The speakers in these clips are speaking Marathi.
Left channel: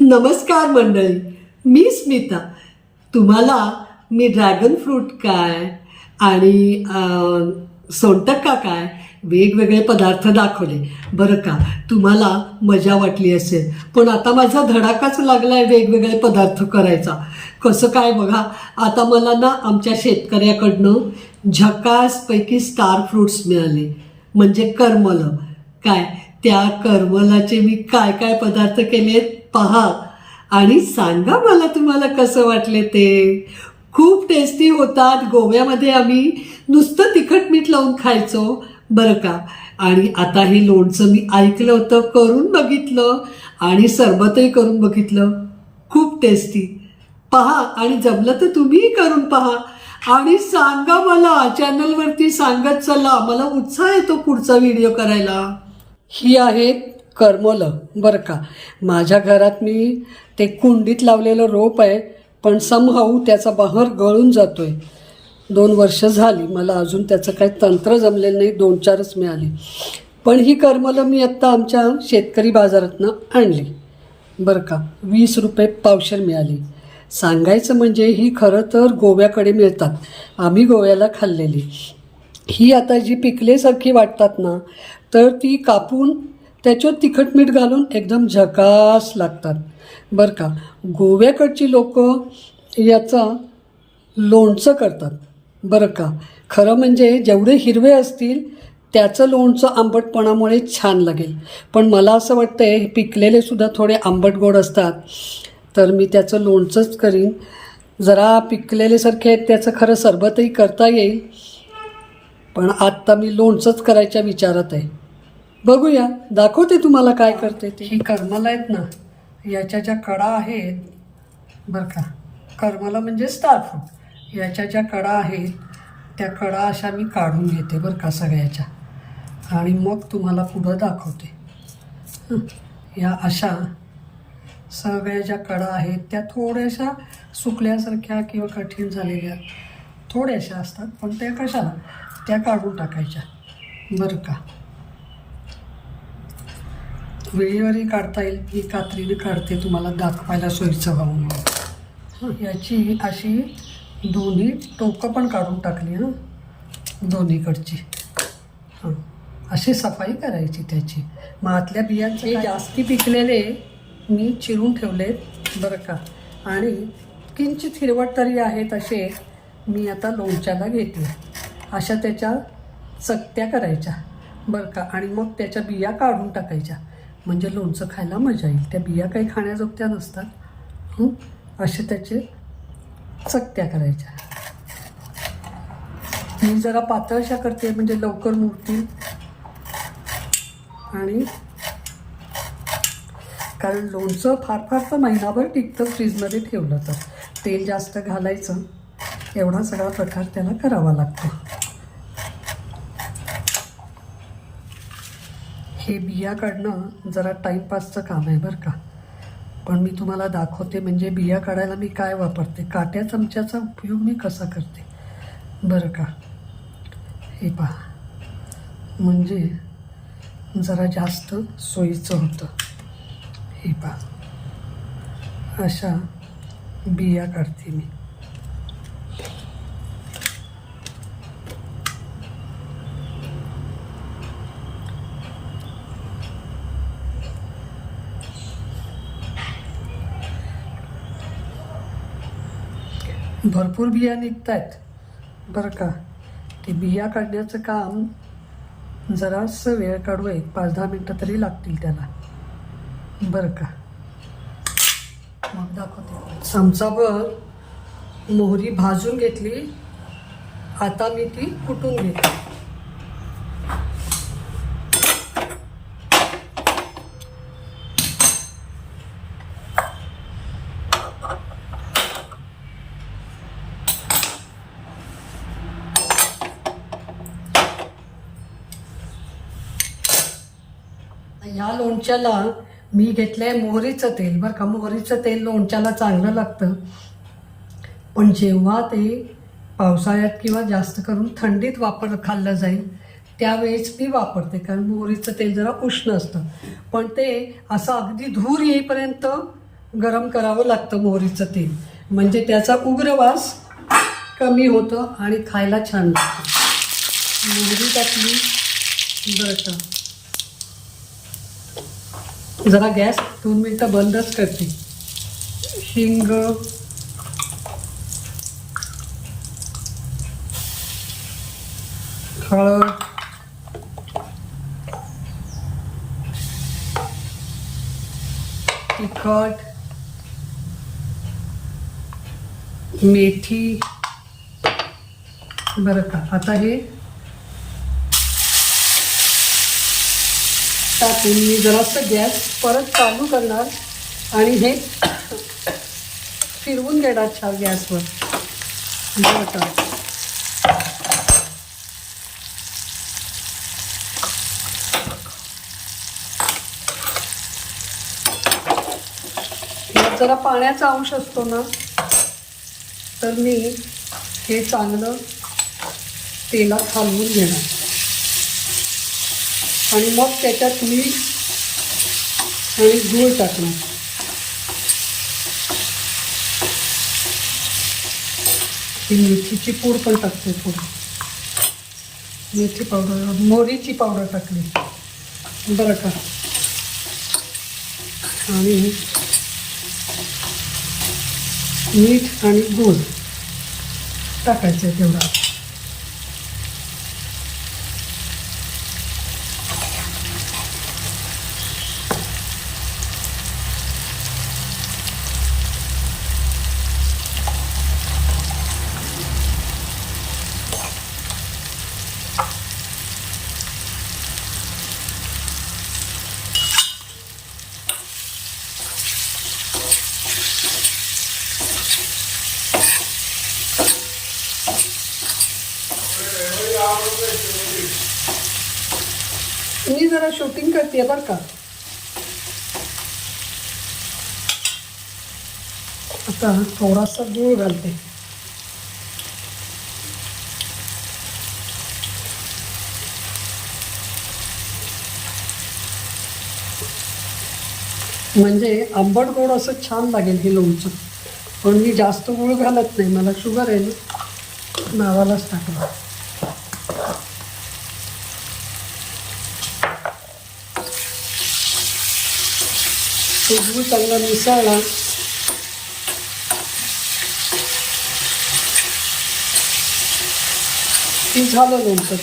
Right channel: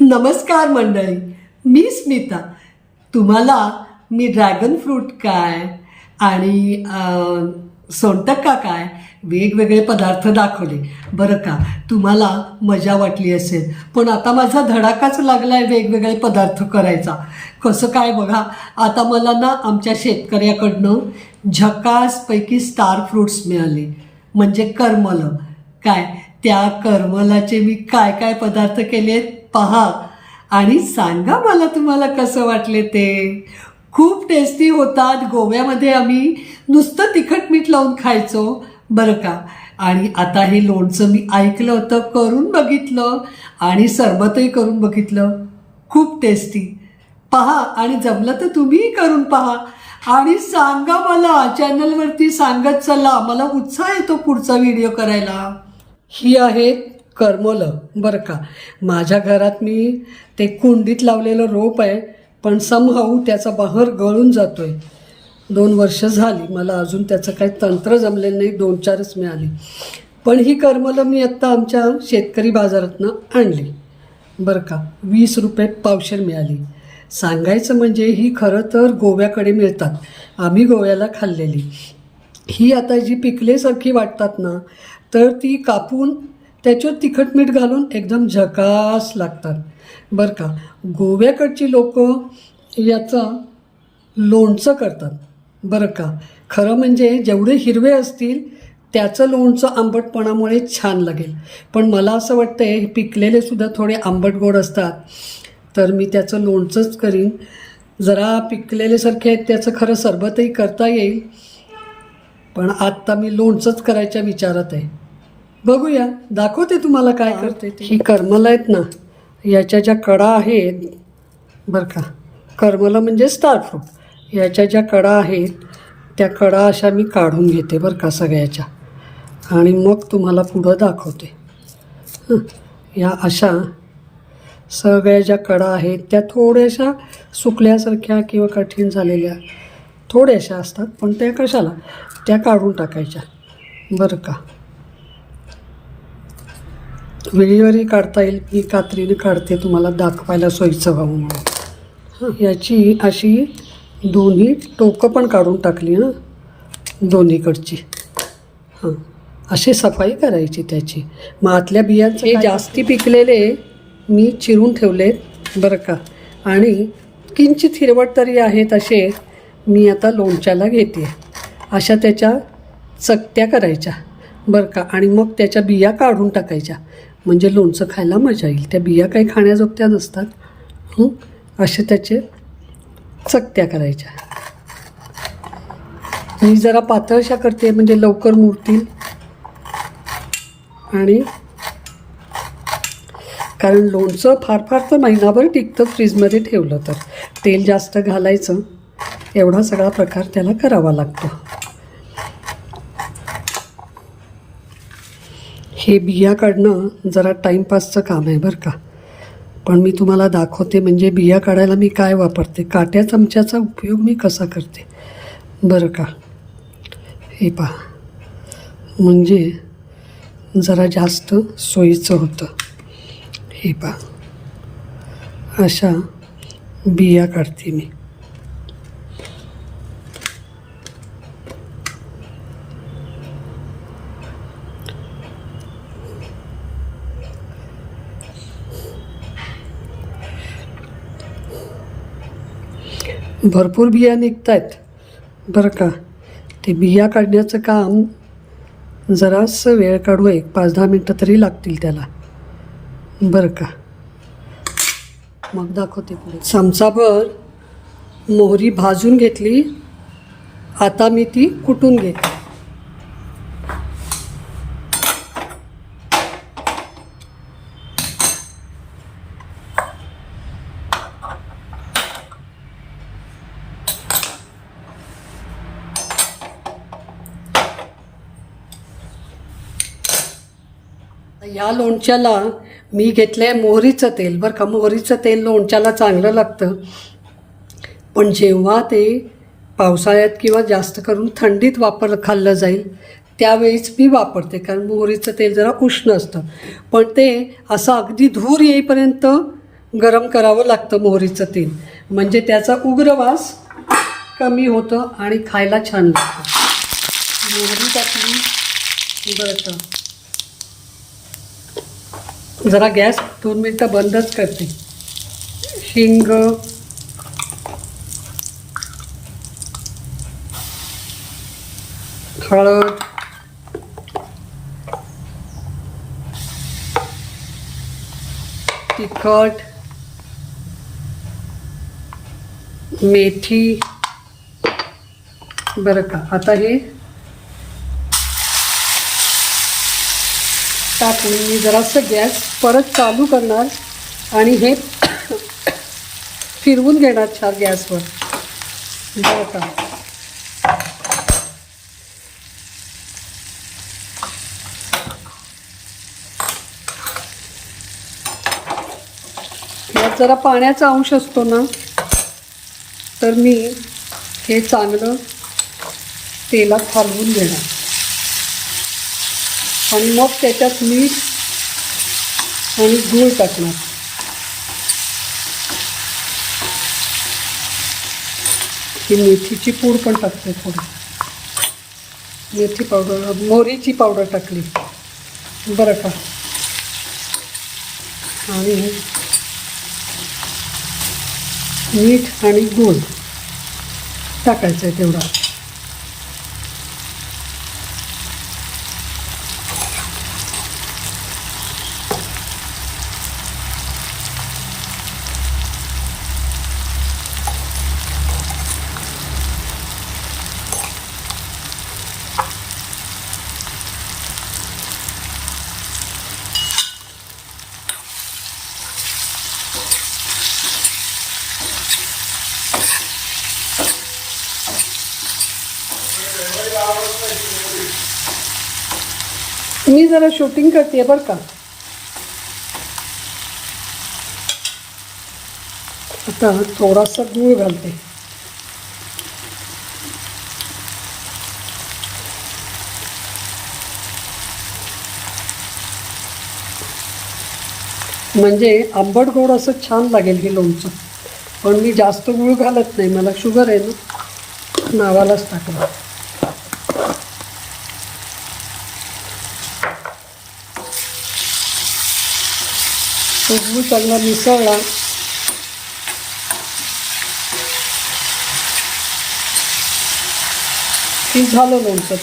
नमस्कार मंडळी मी स्मिता. तुम्हाला मी ड्रॅगन फ्रूट काय आणि सोनटक्का काय वेगवेगळे पदार्थ दाखवले. बरं का तुम्हाला मजा वाटली असेल पण आता माझा धडाकाच लागला आहे वेगवेगळे पदार्थ करायचा. कसं काय बघा आता मला ना आमच्या शेतकऱ्याकडनं झकासपैकी स्टार फ्रूट्स मिळाले. म्हणजे करमलं. काय त्या करमलाचे मी काय काय पदार्थ केले पहा. आणि सांगा मला तुम्हाला कसं वाटले ते? खूप टेस्टी होतात गोव्यामध्ये आम्ही. नुसतं तिखट मीठ लावून खायचो. बरं का? आणि आता हे लोणचं मी ऐकलं होतं करून बघितलं. आणि सरबतही करून बघितलं. खूप टेस्टी पहा आणि जमलं तर तुम्हीही करून पहा. आणि सांगा मला चॅनलवरती सांगत चला. मला उत्साह येतो पुढचा व्हिडिओ करायला. ही आहेत करमलं. बरं का? माझ्या घरात मी ते कुंडीत लावलेलं रोप आहे पण समहाऊ त्याचा बहर गळून जातो आहे दोन वर्ष झाली मला अजून त्याचं काही तंत्र जमलेलं नाही दोन चारच मिळाली. पण ही करमलं मी आत्ता आमच्या शेतकरी बाजारातनं आणली. बरं का? वीस रुपये पावशेर मिळाली. सांगायचं म्हणजे ही खरं तर गोव्याकडे मिळतात. आम्ही गोव्याला खाल्लेली. ही आता जी पिकलेसारखी वाटतात ना तर ती कापून त्याच्यावर तिखट मीठ घालून एकदम झकास लागतात. बरं का? गोव्याकडची लोक याचं लोणचं करतात. बरं का? खरं म्हणजे जेवढे हिरवे असतील त्याचं लोणचं आंबटपणामुळे छान लागेल. पण मला असं वाटतं आहे पिकलेले सुद्धा थोडे आंबट गोड असतात. तर मी त्याचं लोणचंच करीन. जरा पिकलेलेसारखे आहेत त्याचं खरं सरबतही करता येईल. पण आत्ता मी लोणचंच करायच्या विचारात आहे. बघूया दाखवते तुम्हाला काय करते ते. ही करमलं आहेत ना याच्या ज्या कडा आहेत बरं का करमला म्हणजे स्टारफ्रूट याच्या ज्या कडा आहेत त्या कडा अशा मी काढून घेते बरं का सगळ्याच्या. आणि मग तुम्हाला पुढं दाखवते. या अशा सगळ्या ज्या कडा आहेत त्या थोड्याशा सुकल्यासारख्या किंवा कठीण झालेल्या थोड्याशा असतात पण त्या कशाला? त्या काढून टाकायच्या. बरं का. वेळीवरही काढता येईल मी कात्रीने काढते तुम्हाला दाखवायला सोयीचं व्हावं म्हणून. हं, याची अशी दोन्ही टोकं पण काढून टाकली हं. दोन्हीकडची. हां. अशी सफाई करायची त्याची. मग आतल्या बियांचे हे जास्ती पिकलेले मी चिरून ठेवलेत बरं का. आणि किंचित हिरवट तरी आहेत असे मी आता लोणच्याला घेते. अशा त्याच्या चकत्या करायच्या बरं का. आणि मग त्याच्या बिया काढून टाकायच्या. म्हणजे लोणचं खायला मजा येईल. त्या बिया काही खाण्याजोगत्या नसतात. असे त्याचे चकत्या करायच्या. मी जरा पातळशा करते म्हणजे लवकर मुरतील. आणि कारण लोणचं फार फार तर महिनाभर टिकतं फ्रीजमध्ये ठेवलं तर. तेल जास्त घालायचं. एवढा सगळा प्रकार त्याला करावा लागतो. हे बिया काढणं जरा टाईमपासचं काम आहे बरं का. पण मी तुम्हाला दाखवते म्हणजे बिया काढायला मी काय वापरते? काट्या चमच्याचा उपयोग मी कसा करते? बरं का. हे पहा. म्हणजे जरा जास्त सोयीचं होतं. हे पहा. अशा बिया काढते मी. भरपूर बिया निघत आहेत बरं का? ते बिया काढण्याचं काम जरासं वेळ काढू एक पाच दहा मिनटं तरी लागतील त्याला. बरं का? मग दाखवते चमचाभर मोहरी भाजून घेतली. आता मी ती कुटून घेते. या लोणच्याला मी घेतलं आहे मोहरीचं तेल. बरं का मोहरीचं तेल लोणच्याला चांगलं लागतं. पण जेव्हा ते पावसाळ्यात किंवा जास्त करून थंडीत वापर खाल्लं जाईल त्यावेळीच मी वापरते. कारण मोहरीचं तेल जरा उष्ण असतं. पण ते असं अगदी धूर येईपर्यंत गरम करावं लागतं मोहरीचं तेल. म्हणजे त्याचा उग्रवास कमी होतं आणि खायला छान लागतं. मोहरी टाकली बरं जरा गॅस दोन मिनटं बंदच करते. शिंग हळद तिखट मेथी बरं का. आता हे टाकली जरासं गॅस परत चालू करणार आणि हे फिरवून घेणार छान गॅसवर. जरा पाण्याचा अंश असतो ना तर मी हे चांगलं तेलात हलवून घेणार. आणि मग त्याच्यात मीठ आणि गुळ टाकणार. ही मेथीची पूड पण टाकते थोडी. मेथी पावडर मोहरीची पावडर टाकली. बरं का? आणि मीठ आणि गूळ टाकायचं आहे तेवढा. मी जरा शूटिंग करते बरं का. आता थोडासा गूळ घालते. म्हणजे आंबट गोड असं छान लागेल हे लोणचं. पण मी जास्त गूळ घालत नाही मला शुगर आहे ना. नावालाच टाकलं. तो गूळ चांगला मिसळला की झालं लोणचं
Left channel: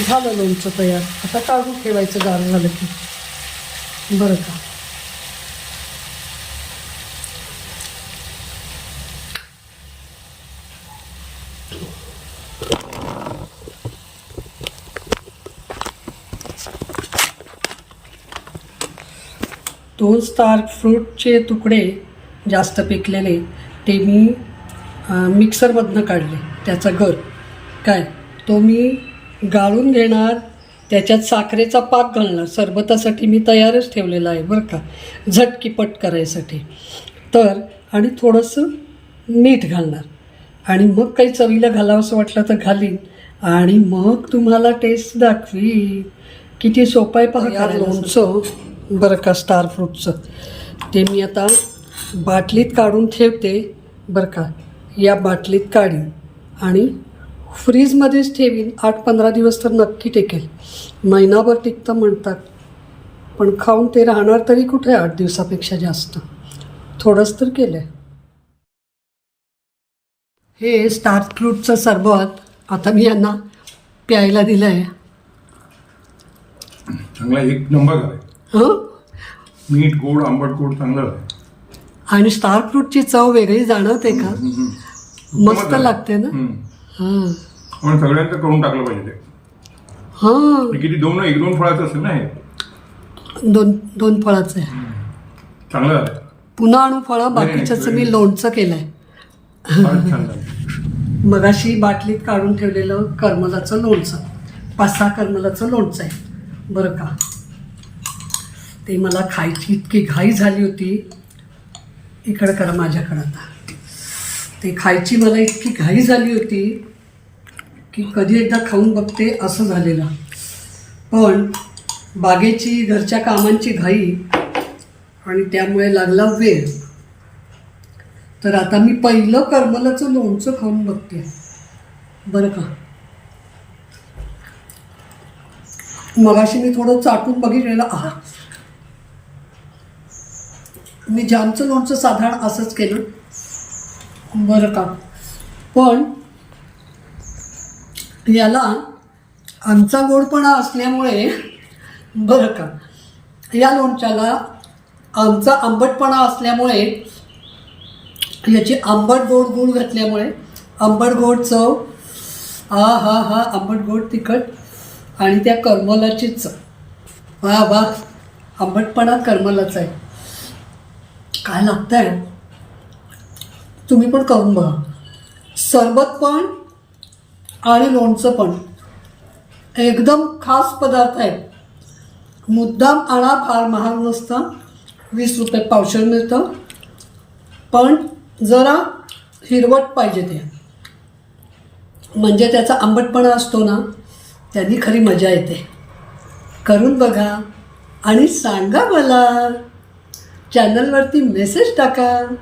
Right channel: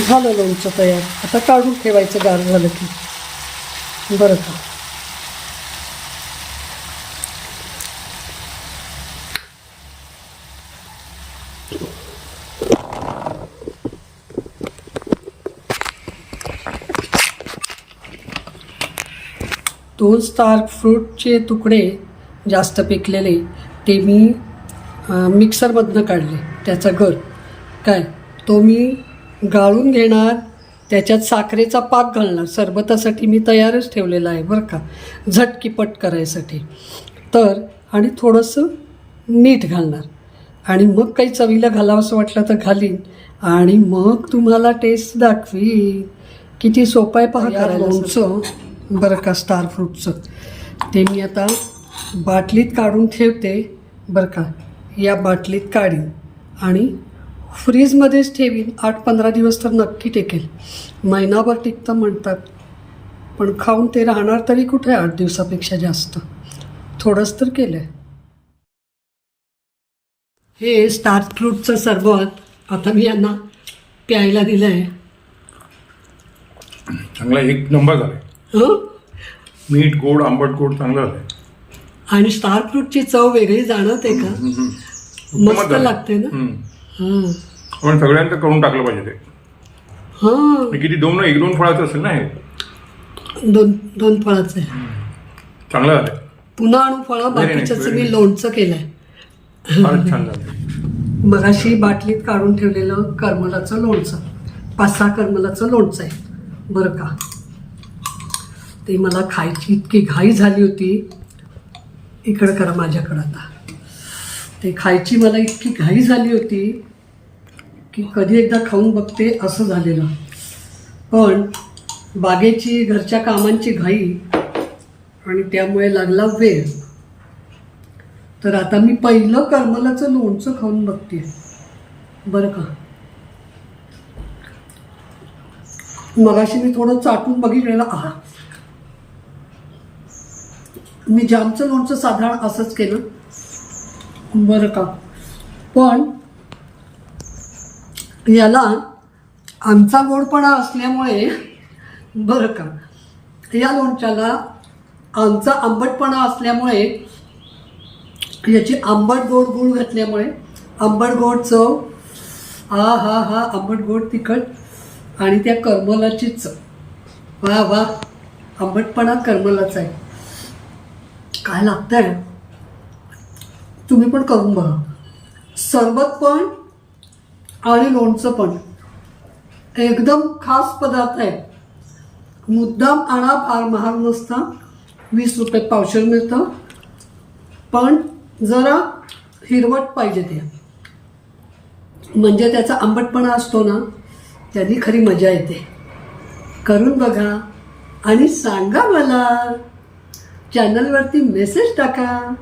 झालं लोणचं तयार. आता काढून ठेवायचं गार झालं की. बरं का? दोन स्टार फ्रूटचे तुकडे जास्त पिकलेले ते मी मिक्सरमधनं काढले. त्याचा गर. काय? तो मी गाळून घेणार त्याच्यात साखरेचा पाक घालणार. सरबतासाठी मी तयारच ठेवलेला आहे बरं का. झटकीपट करायसाठी. तर आणि थोडंसं मीठ घालणार. आणि मग काही चवीला घालावंसं वाटलं तर घालीन. आणि मग तुम्हाला टेस्ट दाखवीन. किती सोपं आहे पहा लोणचं बरं का स्टार फ्रूटचं ते मी आता बाटलीत काढून ठेवते. बरं का या बाटलीत काढीन. आणि फ्रीजमध्येच ठेवीन आठ पंधरा दिवस तर नक्की टिकेल. महिनाभर टिकतं म्हणतात पण खाऊन ते राहणार तरी कुठे आठ दिवसापेक्षा जास्त? थोडंच तर केलं आहे हे स्टार फ्रूटचं सरबत आता मी यांना प्यायला दिलं आहे चांगला एक नंबर झालाय. हं? मीठ गोड आंबट गोड चांगलं झालंय. आणि स्टार फ्रूटची चव वेगळी जाणवते का? मस्त. लागते ना? हम्म. हां. पण सगळ्यांचं करून टाकलं पाहिजे ते. हां. हे किती दोन एक दोन फळाचं असेल ना हे? दोन दोन फळाचं आहे. चांगलं झालंय पुन्हा आणू फळं नाही, बाकीच्याचं मी. लोणचं केलं आहे फारच छान मगाशी बाटलीत काढून ठेवलेलं करमलाचं लोणचं. पाच सहा करमलाचं लोणचं आहे. बरं का? ते मला खायची इतकी घाई झाली होती. इकडं करा माझ्याकडं आता. ते खायची मला इतकी घाई झाली होती की कधी एकदा खाऊन बघते असं झालेलं. पण बागेची घरच्या कामांची घाई आणि त्यामुळे लागला वेळ. तर आता मी पहिलं करमलाचं लोणचं खाऊन बघते. बरं का? मगाशी मी थोडं चाटून बघितलेलं. आहा! मी जामचं लोणचं साधारण असंच केलं. बरं का. पण याला आमचा गोडपणा असल्यामुळे बरं का. या लोणच्याला आमचा आंबटपणा असल्यामुळे याची आंबट गोड गूळ घातल्यामुळे आंबट गोड चव हा हा हा आंबट गोड तिखट आणि त्या करमलाची चव. वा वा आंबटपणा करमलाचा आहे. काय लागतं आहे तुम्ही पण करून बघा. सरबत पण आणि लोणचं पण. एकदम खास पदार्थ आहे. मुद्दाम आणा फार महाग नसतं. वीस रुपये पावशेर मिळतं. पण जरा हिरवट पाहिजे ते. म्हणजे त्याचा आंबटपणा असतो ना त्यांनी खरी मजा येते. करून बघा आणि सांगा मला. चॅनलवरती मेसेज टाका.